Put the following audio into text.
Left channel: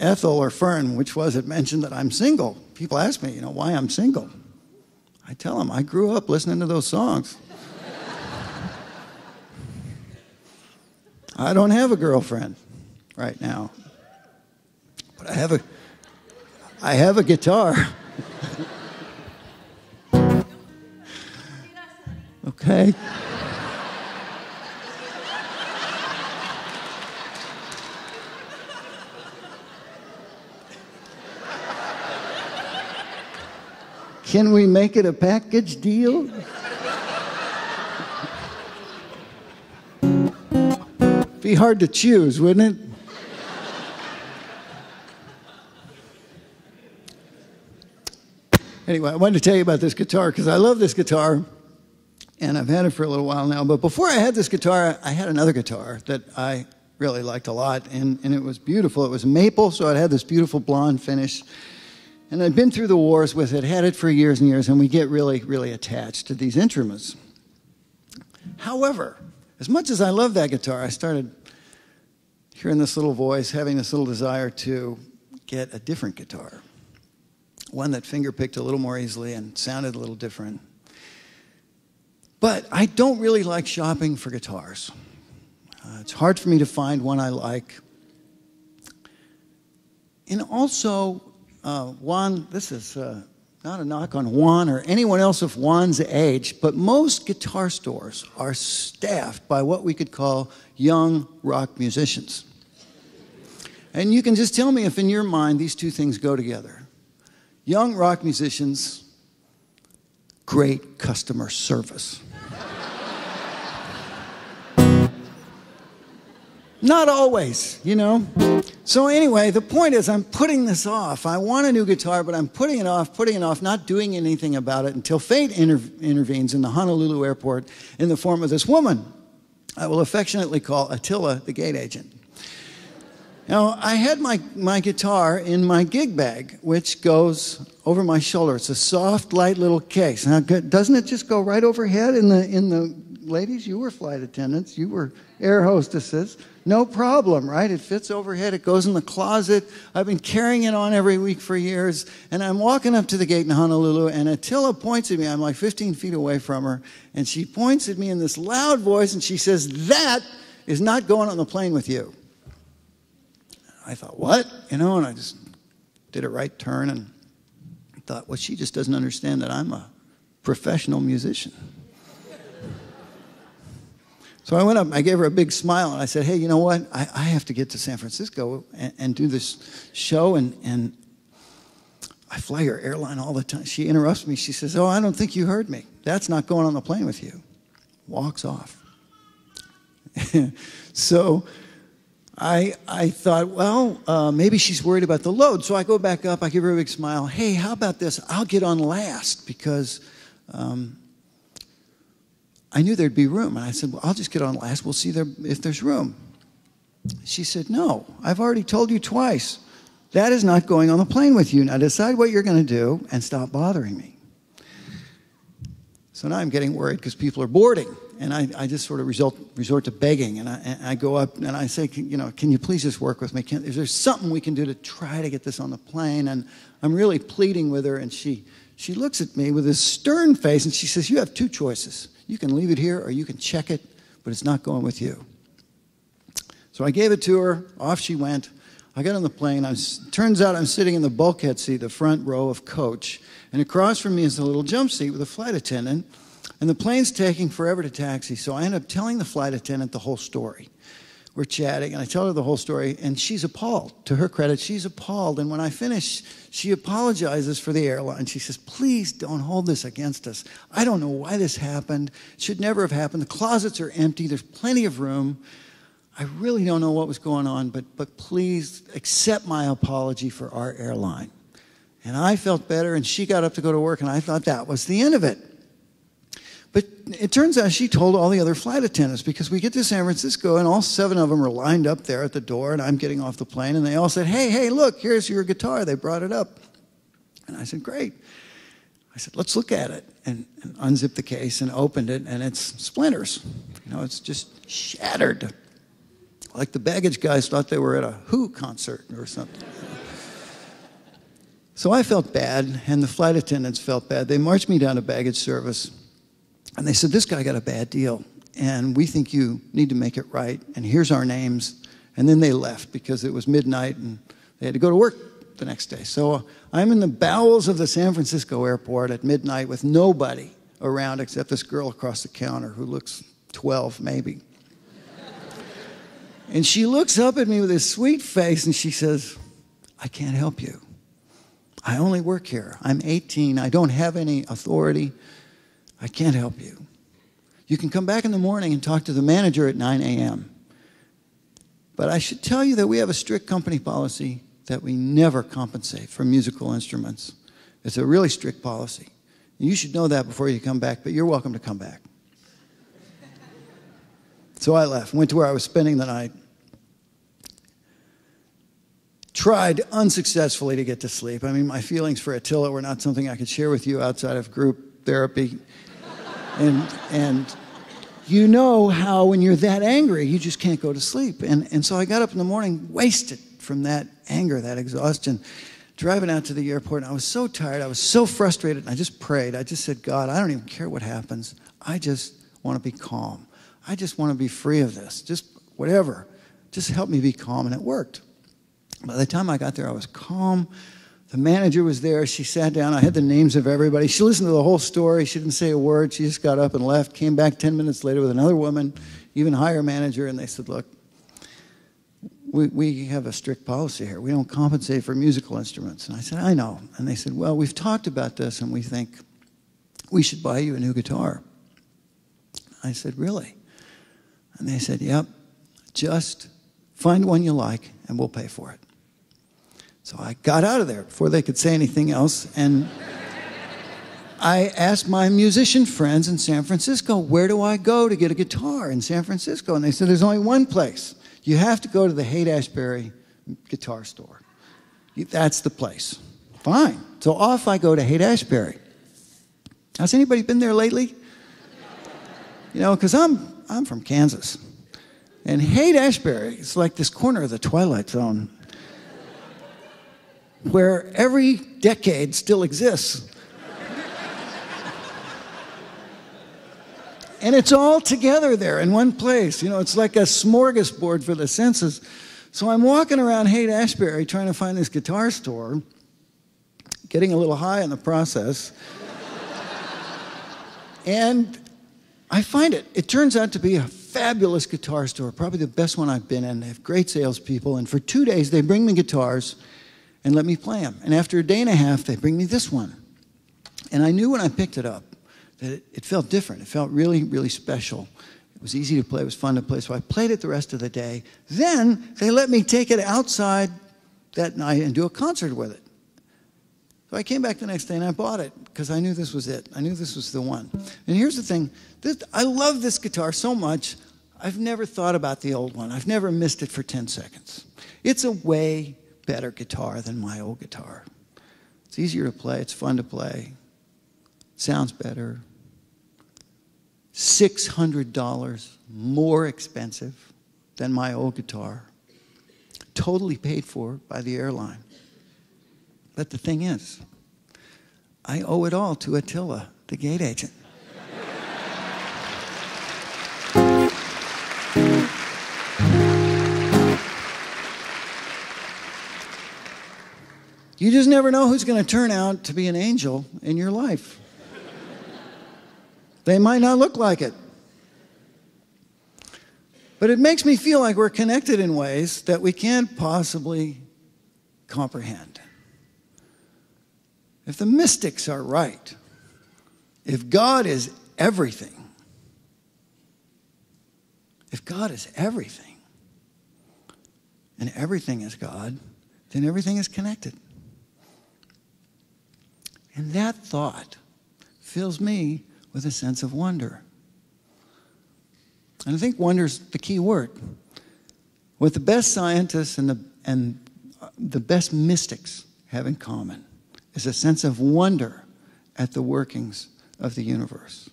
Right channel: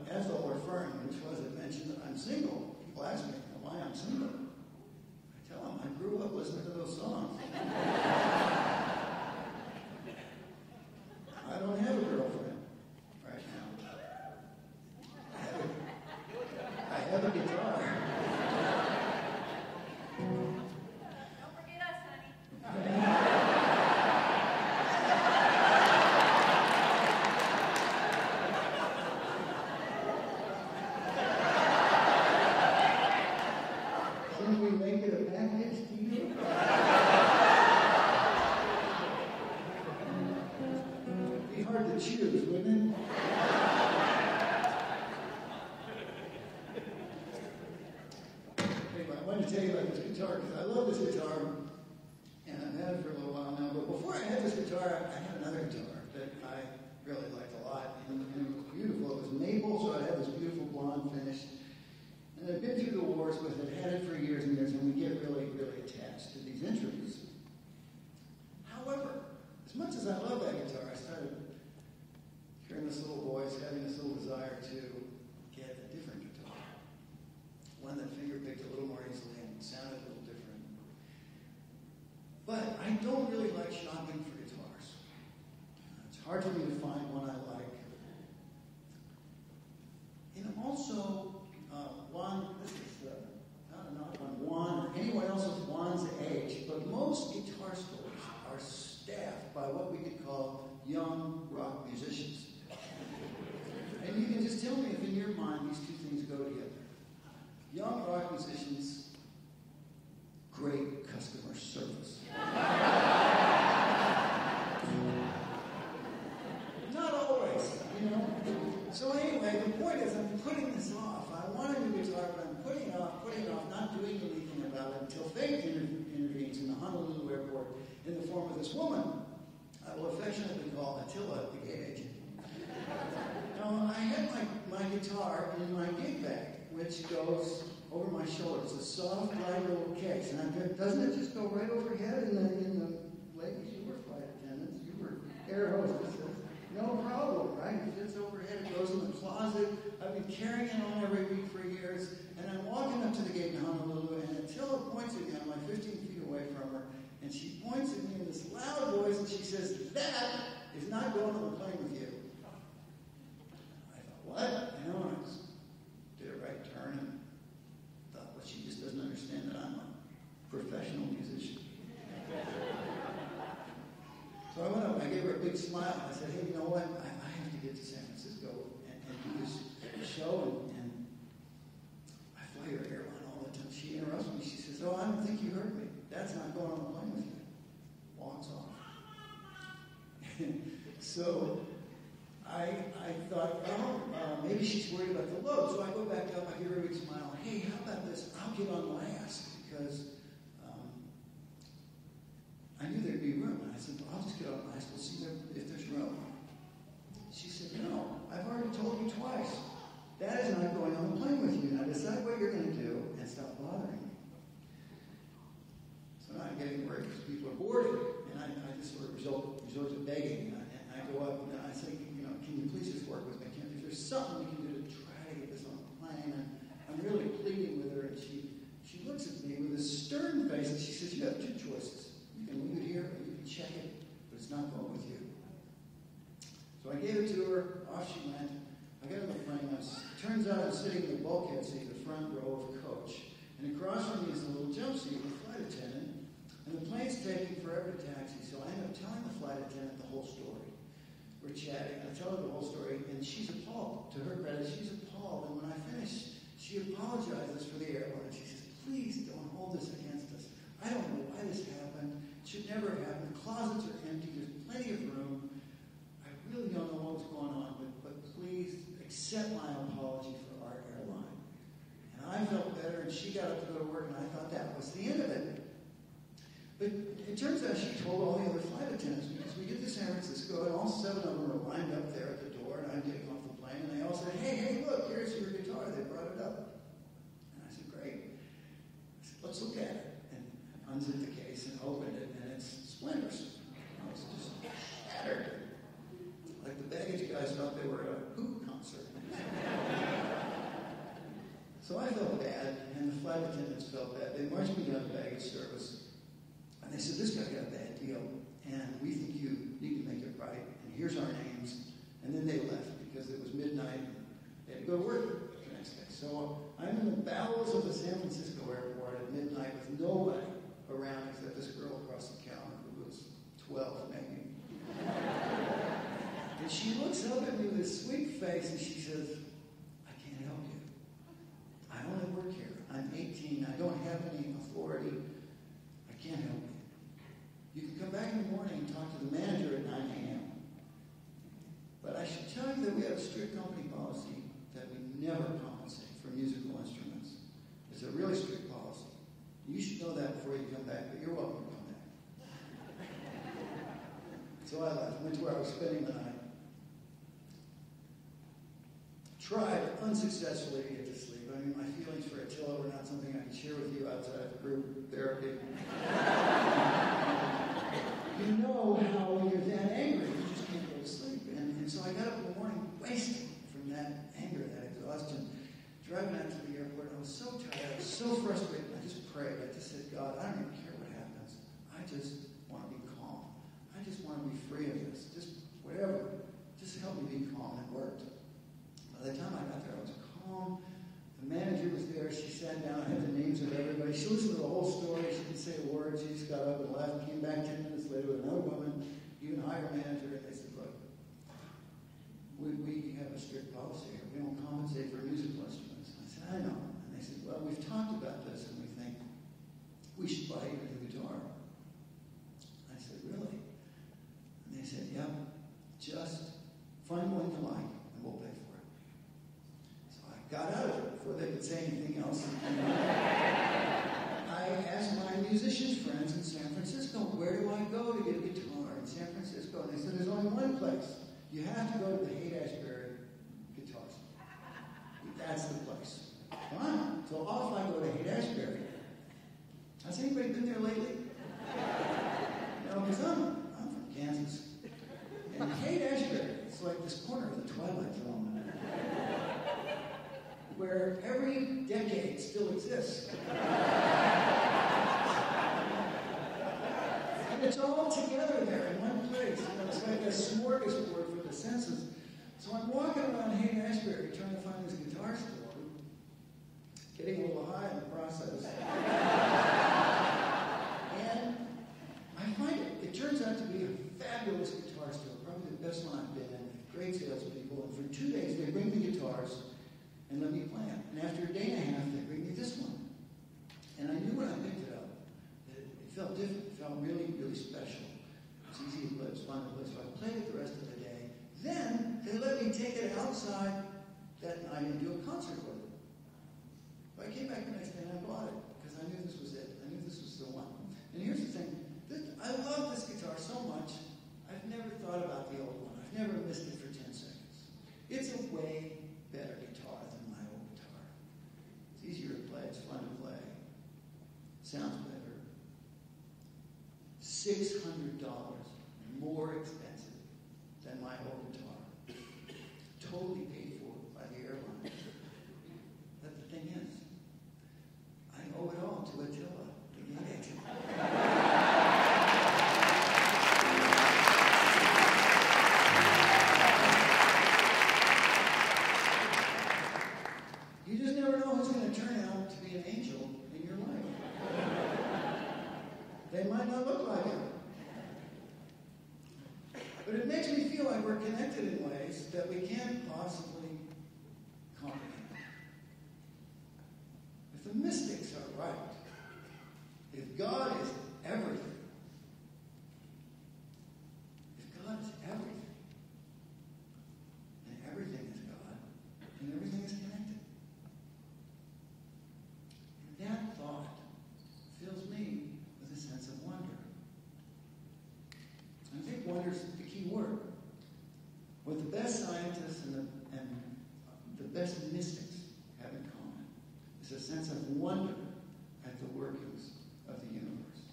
Ethel or Fern, which was it, mentioned that I'm single. People ask me, why I'm single. I tell them I grew up listening to those songs. I don't have a girlfriend right now, but I have a guitar. Okay. Can we make it a package deal? Be hard to choose, wouldn't it? Anyway, I wanted to tell you about this guitar because I love this guitar, and I've had it for a little while now. But before I had this guitar, I had another guitar that I really liked a lot, and it was beautiful. It was maple, so it had this beautiful blonde finish. And I'd been through the wars with it, had it for years and years, and we get really, really attached to these instruments. However, as much as I love that guitar, I started hearing this little voice, having this little desire to get a different guitar. One that finger-picked a little more easily and sounded a little different. But I don't really like shopping for guitars. It's hard for me to find one I like. And also, Juan, this is not a knock on Juan or anyone else of Juan's age, but most guitar stores are staffed by what we could call young rock musicians. And you can just tell me if in your mind these two things go together. Young rock musicians, great customer service. Not always, So anyway, the point is I'm putting this off. I want a new guitar, but I'm putting it off, not doing anything about it until fate intervenes in the Honolulu airport in the form of this woman I will affectionately call Attila, the gate agent. Now, I had my guitar in my gig bag, which goes over my shoulder. It's a soft, light little case. Now, doesn't it just go right overhead in the ladies? You were flight attendants. You were air hostesses. No problem, right? It fits overhead. It goes in the closet. I've been carrying it on every week for years. And I'm walking up to the gate in Honolulu, and Attila points at me. I'm like 15 feet away from her. And she points at me in this loud voice, and she says, "That is not going on the plane with you." I thought, what? And I just did a right turn and thought, well, she just doesn't understand that I'm a professional musician. So I went up, I gave her a big smile, and I said, hey, you know what? I have to get to San Francisco and do this show, and I fly your airline all the time. She interrupts me. She says, oh, I don't think you heard me. That's not going on the plane with you. Walks off. So I thought, well, maybe she's worried about the load. So I go back up, I give her a big smile. Hey, how about this? I'll get on last because I knew there'd be room. And I said, well, I'll just get on last. We'll see if there's room. She said, no, I've already told you twice. That is not going on the plane with you. Now decide what you're going to do and stop bothering me. So now I'm getting worried because people are boarding. And I just sort of resort to begging. And I go up and I say, can you please just work with me? Is there something we can do to try to get this on the plane? And I'm really pleading with her. And she looks at me with this stern face and she says, you have two choices. You can leave it here or you can check it, but it's not going with you. So I gave it to her. Off she went. I got on the plane. Turns out I'm sitting in the bulkhead seat, the front row of coach. And across from me is a little jump seat with a flight attendant. And the plane's taking forever to taxi, so I end up telling the flight attendant the whole story. We're chatting, and I tell her the whole story, and she's appalled. To her credit, she's appalled. And when I finish, she apologizes for the airline. She says, please don't hold this against us. I don't know why this happened. It should never have happened. The closets are empty. There's plenty of room. I really don't know what was going on, but please accept my apology for our airline. And I felt better, and she got up to go to work, and I thought that was the end of it. But it turns out she told all the other flight attendants because we get to San Francisco and all 7 of them are lined up there at the door and I'm getting off the plane and they all said, hey, look, here's your guitar. They brought it up. And I said, great. I said, let's look at it and unzipped the case and opened it and it's splinters. It's just shattered. Like the baggage guys thought they were at a Who concert or something. So I felt bad, and the flight attendants felt bad. They marched me down to baggage service, and they said, this guy got a bad deal, and we think you need to make it right, and here's our names. And then they left because it was midnight, and they had to go to work the next day. So I'm in the bowels of the San Francisco airport at midnight with nobody around except this girl across the counter who looks 12, maybe. And she looks up at me with this sweet face, and she says, I can't help you. I only work here. I'm 18. I don't have any authority. I can't help you. You can come back in the morning and talk to the manager at 9 a.m. But I should tell you that we have a strict company policy that we never compensate for musical instruments. It's a really strict policy. You should know that before you come back, but you're welcome to come back. So I left, went to where I was spending the night. Tried unsuccessfully to get to sleep. I mean, my feelings for Attila were not something I could share with you outside of group therapy. And you know how when you're that angry, you just can't go to sleep. And so I got up in the morning wasted from that anger, that exhaustion, driving out to the airport. And I was so tired. I was so frustrated. And I just prayed. I just said, God, I don't even care what happens. I just want to be calm. I just want to be free of this. Just whatever. Just help me be calm. And it worked. By the time I got there, I was calm. The manager was there. She sat down. I had the names of everybody. She listened to the whole story. She didn't say a word. She just got up and left, came back 10 minutes later with another woman, even higher manager, and they said, look, we have a strict policy here. We don't compensate for musical instruments. And I said, I know. And they said, well, we've talked about this, and we think we should buy you a new guitar. I said, really? And they said, yep, just find one you like, and we'll pay for it. So I got out of there before they could say anything else, and I asked my musician friends in San Francisco, where do I go to get a guitar in San Francisco? And they said, there's only one place. You have to go to the Haight-Ashbury guitar store. That's the place. Fine. So off I go to Haight-Ashbury. Has anybody been there lately? You know, because I'm from Kansas. And Haight-Ashbury is like this corner of the Twilight Zone where every decade still exists. And it's all together there in one place. You know, it's like a smorgasbord for the senses. So I'm walking around Haight-Ashbury trying to find this guitar store, getting a little high in the process. And I find it. It turns out to be a fabulous guitar store, probably the best one I've been in. They have great salespeople. And for 2 days, they bring me guitars and let me play them. And after a day and a half, they bring me this one. And I knew when I picked it up that it felt different. It felt really, really special. It was easy to play. It was fun to play. So I played it the rest of the day. Then they let me take it outside that night and do a concert with it. So I came back the next day and I bought it because I knew this was it. I knew this was the one. And here's the thing. I love this guitar so much, I've never thought about the old one. I've never missed it for 10 seconds. It's a way better guitar than my old guitar. It's easier to play. It's fun to play. Sounds better. $600 more expensive than my old guitar. Totally paid for by the airline. But the thing is, I owe it all to Attila, the gate agent. You just never know who's going to turn out to be an angel in your life. They might not look like it. But it makes me feel like we're connected in ways that we can't possibly comprehend. If the mystics are right, if God is everything, if God is everything, and everything is God, then everything is connected. And that thought fills me with a sense of wonder. And I think wonder's the key word. What the best scientists and the best mystics have in common is a sense of wonder at the workings of the universe.